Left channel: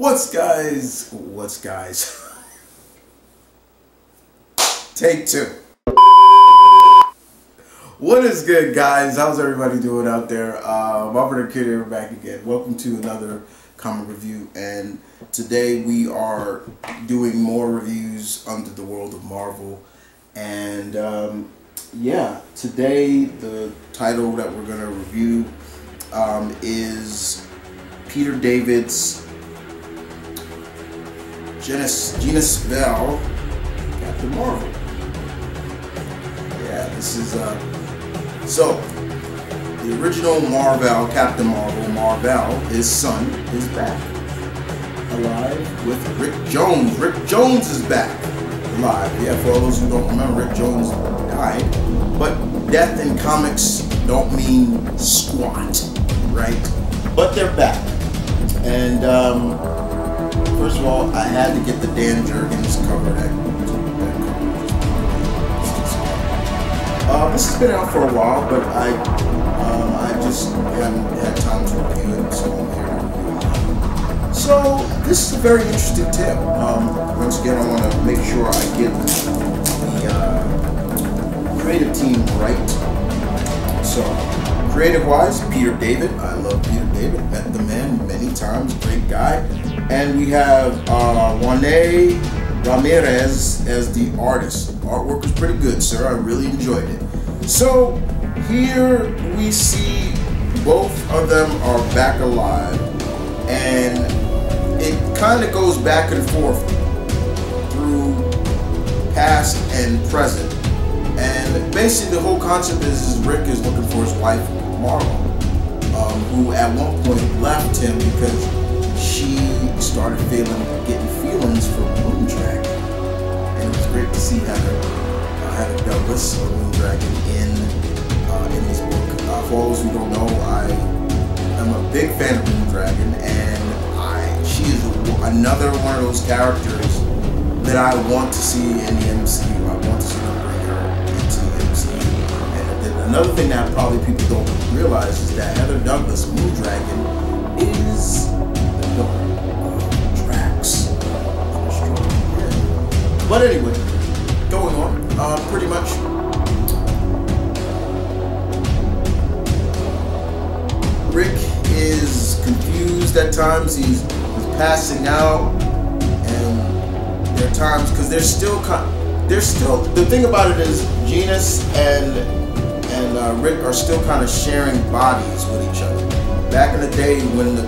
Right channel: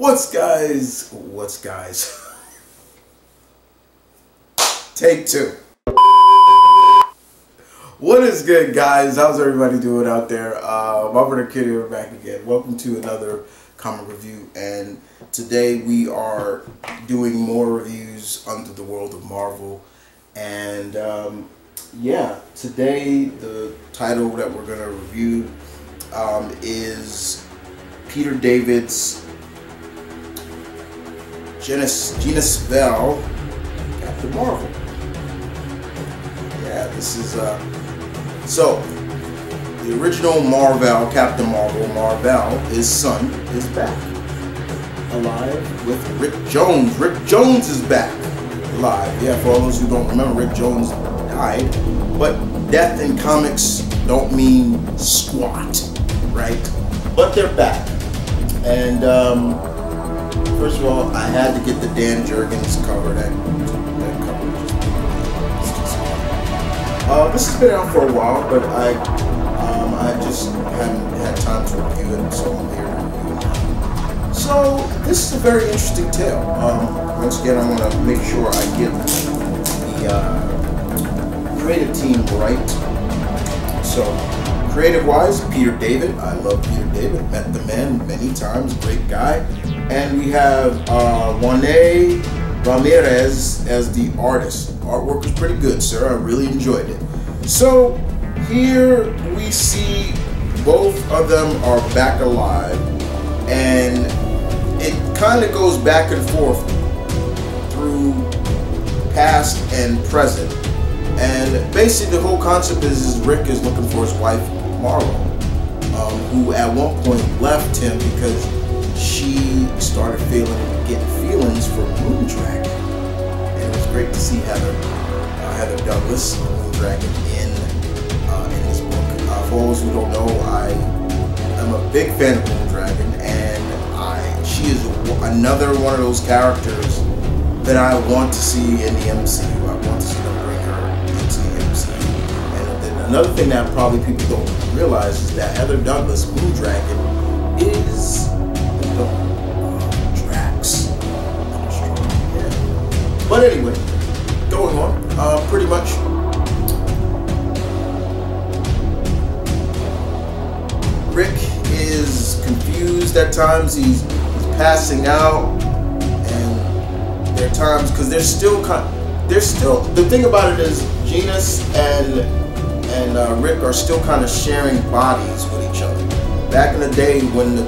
What's guys? Take two. What is good, guys? How's everybody doing out there? TheMtVernonkid here, back again. Welcome to another comic review, and today we are doing more reviews under the world of Marvel. And yeah, today the title that we're gonna review is Peter David's Genis-Vell Captain Marvel. Yeah, this is so the original Marvel, Captain Marvel, his son is back alive with Rick Jones. Rick Jones is back alive. Yeah, for all those who don't remember, Rick Jones died, but death in comics don't mean squat, right? But they're back. And first of all, I had to get the Dan Jurgens cover. That cover was just great. It's just great. This has been out for a while, but I just haven't had time to review it, so I'm here to review it now. So this is a very interesting tale. Once again, I want to make sure I get the creative team right. So, creative-wise, Peter David. I love Peter David. Met the man many times. Great guy. And we have Juan Ramirez as the artist. Artwork was pretty good, sir. I really enjoyed it. So here we see both of them are back alive, and it kind of goes back and forth through past and present. And basically the whole concept is Rick is looking for his wife, Marlo, who at one point left him because she started getting feelings for Moondragon. And it was great to see Heather Douglas, Moondragon, in this book. For all those who don't know, I am a big fan of Moondragon, and she is another one of those characters that I want to see in the MCU. I want to see them bring her into the MCU. And then another thing that probably people don't realize is that Heather Douglas, Moondragon, is the daughter of Drax the Destroyer. Yeah. But anyway, going on, pretty much Rick is confused at times. He's passing out, and there are times because there's still the thing about it is Genis and Rick are still kind of sharing bodies with each other. Back in the day when the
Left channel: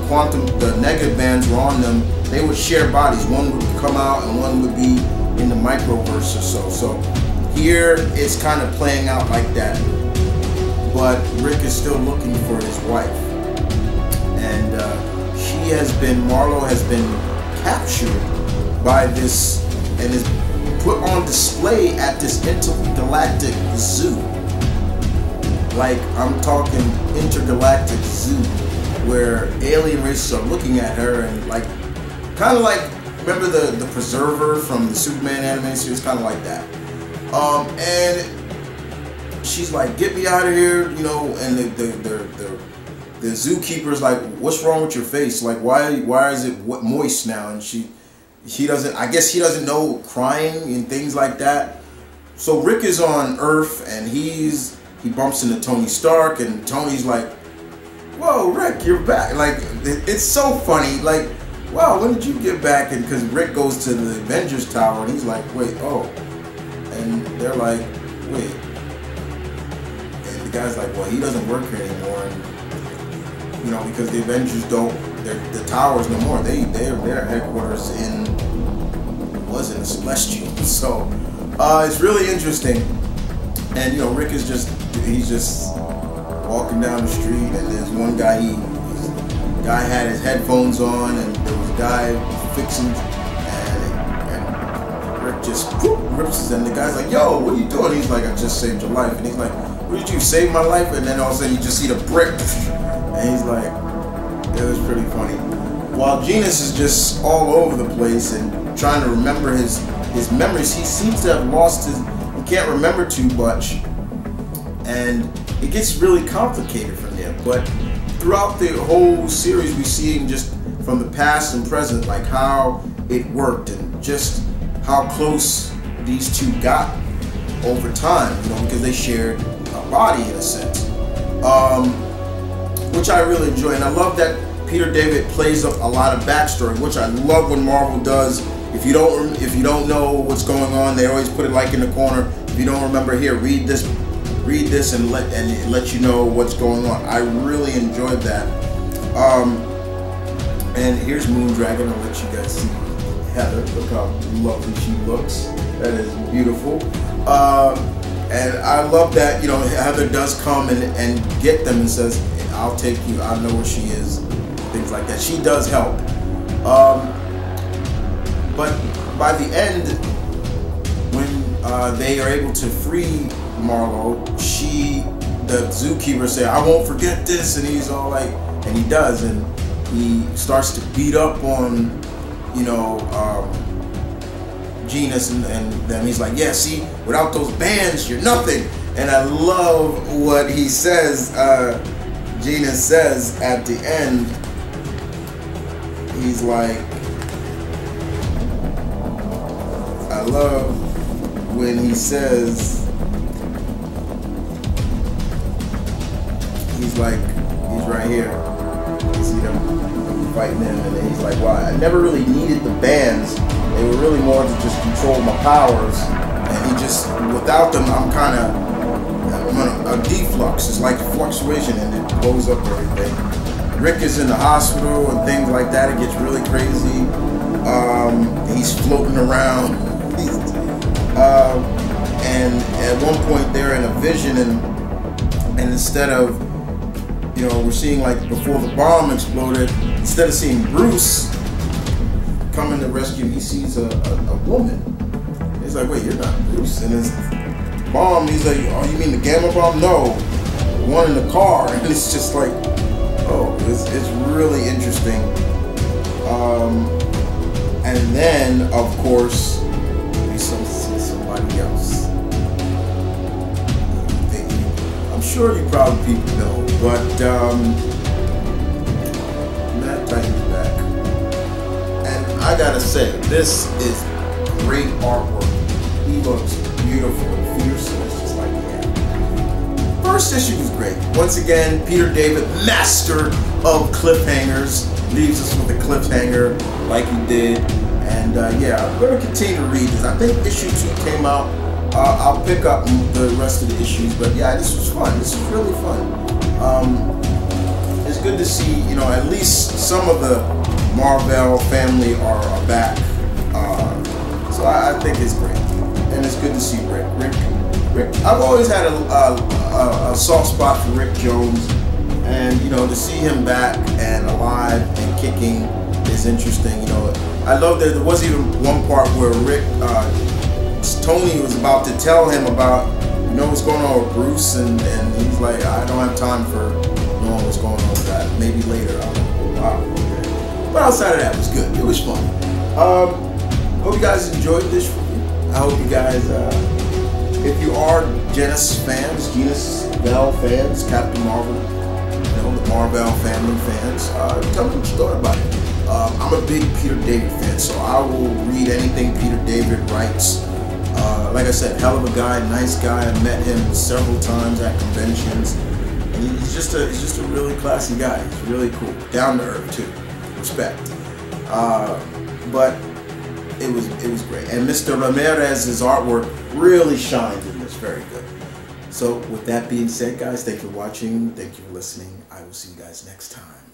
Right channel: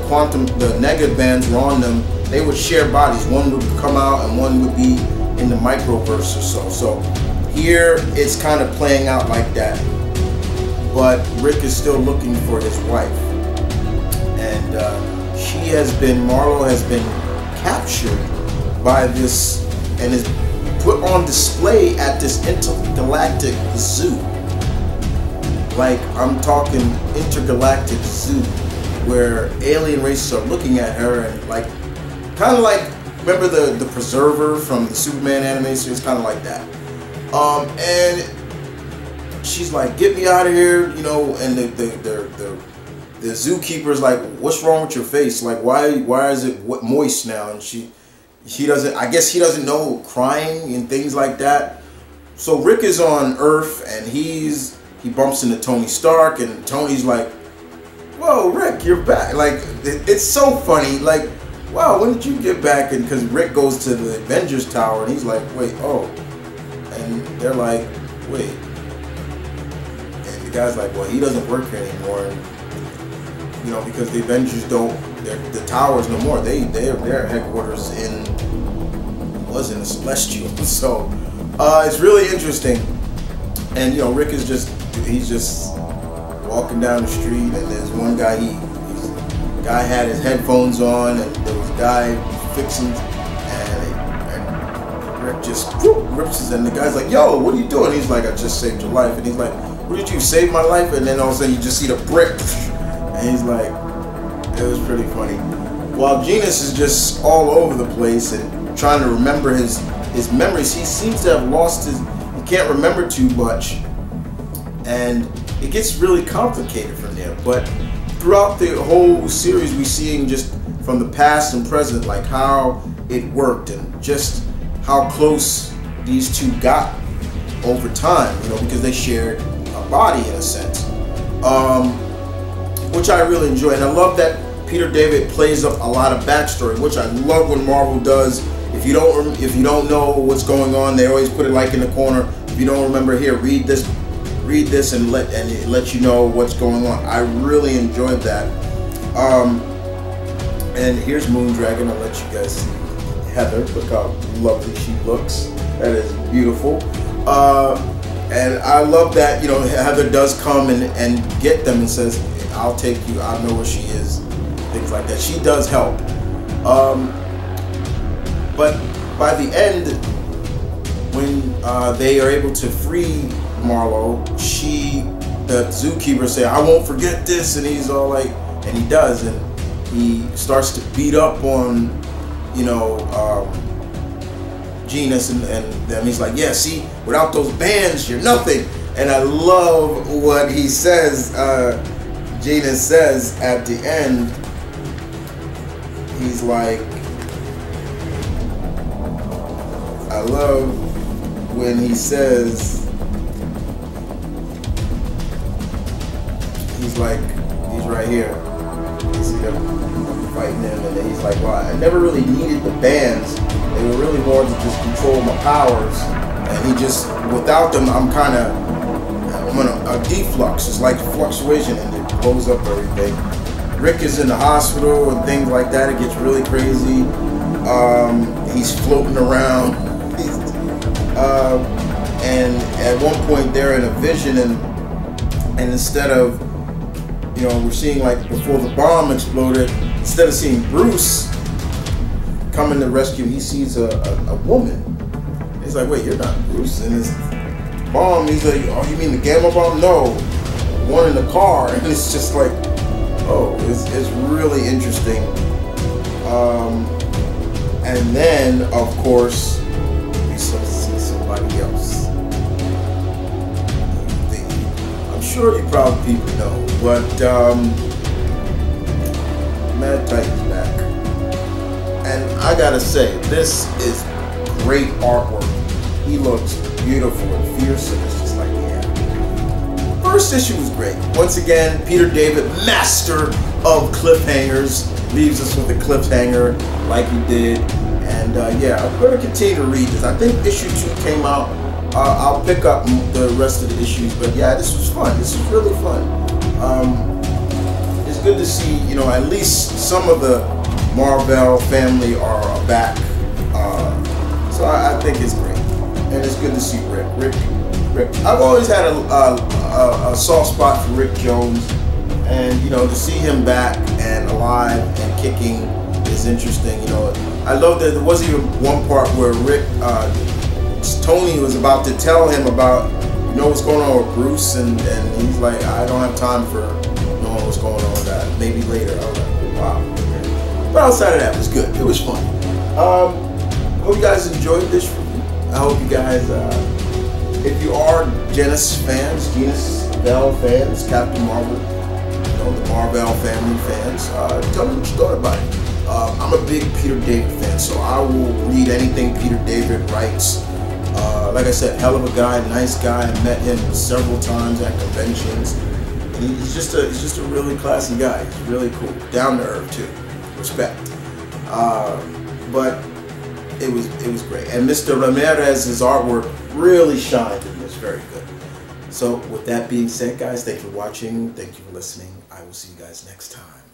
negative bands were on them, they would share bodies. One would come out and one would be in the microverse or so. So here it's kind of playing out like that. But Rick is still looking for his wife. And Marlo has been captured by this and is put on display at this intergalactic zoo. Like, I'm talking intergalactic zoo, where alien races are looking at her and like, kind of like, remember the Preserver from the Superman animated series? Kind of like that. And she's like, get me out of here, you know, and the zookeeper's like, what's wrong with your face? Like, why is it moist now? And he doesn't, I guess he doesn't know crying and things like that. So Rick is on Earth, and he bumps into Tony Stark, and Tony's like, whoa, Rick, you're back. Like, it's so funny. Like, wow, when did you get back? And because Rick goes to the Avengers Tower, and he's like, wait, oh. And they're like, wait. And the guy's like, well, he doesn't work here anymore. And, you know, because the Avengers the towers no more. Their headquarters was in the Celestial. So it's really interesting. And, you know, Rick is he's just walking down the street, and there's one guy, guy had his headphones on, and there was a guy fixing, and Rick just rips his, and the guy's like, yo, what are you doing? He's like, I just saved your life. And he's like, what did you save my life? And then all of a sudden you just see the brick, and he's like, it was pretty funny. While Genis is just all over the place and trying to remember his memories, he seems to have lost he can't remember too much, and it gets really complicated from there. But throughout the whole series, we see him just from the past and present, like how it worked and just how close these two got over time, you know, because they shared a body in a sense, which I really enjoy. And I love that Peter David plays up a lot of backstory, which I love when Marvel does. If you don't know what's going on, they always put it like in the corner. If you don't remember, here, read this, and it lets you know what's going on. I really enjoyed that. And here's Moondragon. I'll let you guys see Heather. Look how lovely she looks. That is beautiful. And I love that, you know, Heather does come and get them and says, I'll take you, I know where she is, things like that. She does help. But by the end, when they are able to free Marlowe, the zookeeper say, I won't forget this, and he's all like, and he does, and he starts to beat up on, you know, Genis and them. He's like, yeah, see, without those bands, you're nothing. And I love what he says, Genis says at the end. He's like, I love when he says, he's like, he's right here. You see them fighting him, and then he's like, well, I never really needed the bands. They were really more to just control my powers. And he just, without them, I'm a deflux. It's like fluctuation, and it blows up everything. Rick is in the hospital and things like that. It gets really crazy. He's floating around. And at one point they're in a vision, and instead of, you know, we're seeing like before the bomb exploded, instead of seeing Bruce coming to rescue, he sees a woman. He's like, wait, you're not Bruce. And his bomb, he's like, oh, you mean the gamma bomb? No, the one in the car. And it's just like, oh, it's really interesting. And then, of course, we see somebody else. I'm sure you probably people know, but Mad Titan's back. And I gotta say, this is great artwork. He looks beautiful and fierce, and it's just like, yeah. First issue was great. Once again, Peter David, master of cliffhangers, leaves us with a cliffhanger like he did. And yeah, I'm going to continue to read this. I think issue 2 came out. I'll pick up the rest of the issues, but yeah, this was fun. This was really fun. It's good to see, you know, at least some of the Marvel family are back. So I think it's great, and it's good to see Rick. I've always had a soft spot for Rick Jones, and you know, to see him back and alive and kicking is interesting. You know, I love that there was even one part where Tony was about to tell him about, you know, what's going on with Bruce, and he's like, I don't have time for knowing what's going on with that. Maybe later. I was like, oh wow, okay. But outside of that, it was good. It was fun. Hope you guys enjoyed this review. I hope you guys, if you are Genis-Vell fans, Captain Marvel, you know, the Marvel family fans, tell me what you thought about it. I'm a big Peter David fan, so I will read anything Peter David writes. Like I said, hell of a guy, nice guy. I met him several times at conventions, and he's just a really classy guy. He's really cool, down to earth too, respect. But it was great, and Mr. Ramirez's artwork really shined in this. Very good. So with that being said, guys, thank you for watching. Thank you for listening. I will see you guys next time.